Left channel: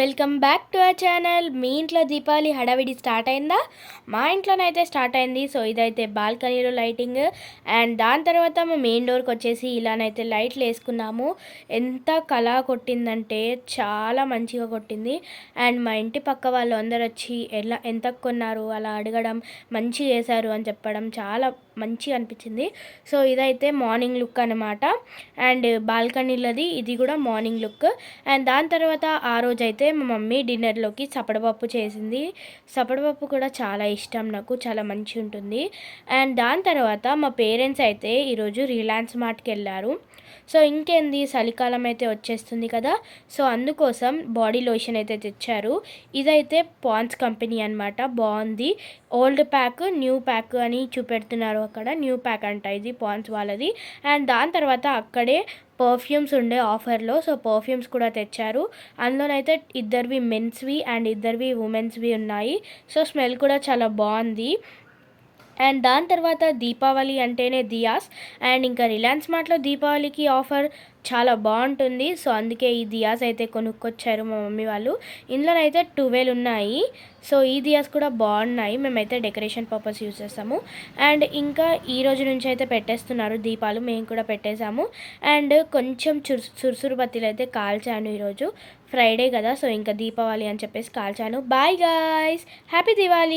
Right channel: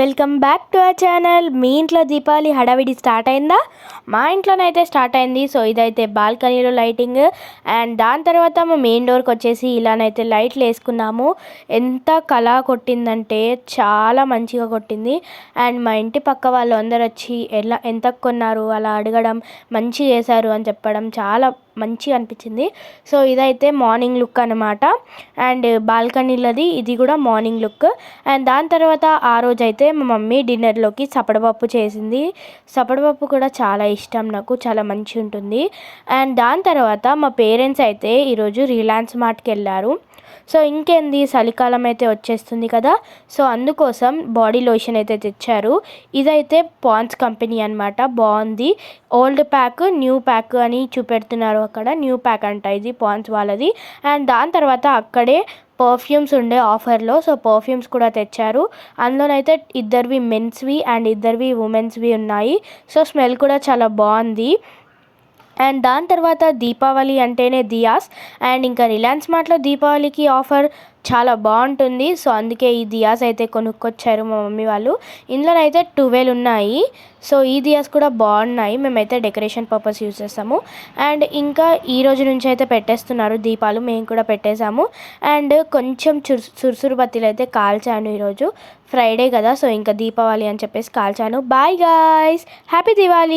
Welcome back to our channel. మీ ఇంట్లో దీపావళి హడావిడి స్టార్ట్ అయిందా? మా ఇంట్లోనైతే స్టార్ట్ అయింది. సో ఇదైతే బాల్కనీలో లైటింగ్, అండ్ దాని తర్వాత మా మెయిన్ డోర్కి వచ్చేసి ఇలానైతే లైట్లు వేసుకున్నాము. ఎంత కళ కొట్టిందంటే చాలా మంచిగా కొట్టింది. అండ్ మా ఇంటి పక్క వాళ్ళు అందరు వచ్చి ఎంత కొన్నారు అలా అడగడం, మంచిగా వేశారు అని చెప్పడం చాలా మంచిగా అనిపించింది. సో ఇదైతే మార్నింగ్ లుక్ అనమాట. అండ్ బాల్కనీలోది ఇది కూడా మార్నింగ్ లుక్. అండ్ దాని తర్వాత ఆ రోజు అయితే మా మమ్మీ డిన్నర్లోకి సపడపప్పు చేసింది. సపడపప్పు కూడా చాలా ఇష్టం నాకు, చాలా మంచి ఉంటుంది. అండ్ దాని తర్వాత మా పేరెంట్స్ అయితే ఈరోజు రిలయన్స్ మార్ట్కి వెళ్ళారు. సో ఇంకేంది, చలికాలం అయితే వచ్చేస్తుంది కదా, సో అందుకోసం బాడీ లోషన్ అయితే తెచ్చారు. ఇదైతే పాండ్స్ కంపెనీ అనమాట, బాగుంది. ఓల్డ్ ప్యాక్ న్యూ ప్యాక్ అని చూపెడుతున్నారు, అక్కడ న్యూ ప్యాక్ అంట ఇది పాండ్స్ వాళ్ళది. అండ్ దాని తర్వాత అక్కడే పర్ఫ్యూమ్స్ ఉండే ఆఫర్లో, సో పర్ఫ్యూమ్స్ కూడా తెచ్చారు. అందులోనైతే ఇద్దరివి మెన్స్వి అండ్ ఇద్దరివి ఉమెన్స్వి ఉన్నాయి. సో స్మెల్ కూడా చాలా బాగుంది. అండ్ దాని తర్వాత దీపావళి అంటేనే దియాస్, అండ్ ఇంకా రిలయన్స్ మార్ట్లో దీపావళికి ఆఫర్ చాలా బాగుంటుంది. సో అందుకే ఈ దియాస్ అయితే కొనుక్కొచ్చారు మా మమ్మీ వాళ్ళు. ఇందులోనైతే 12 ఉన్నాయి. సో ఈ దియాస్ కూడా బాగున్నాయి, మేమైతే డెకరేషన్ పర్పస్ యూజ్ చేస్తాము. అండ్ ఇంకా ఈ రోజు నుంచి అయితే పెట్టేస్తున్నారు దీపాలు, మేము కూడా పెట్టేశాము. అండ్ కొంచెం సురుసురు బత్తీలు అయితే కాల్చాను ఈరోజు, ఫ్రైడే కదా, సో ఇంకా దీపావళి అని చెప్పేసి కాల్చాను. Bye guys, happy Diwali.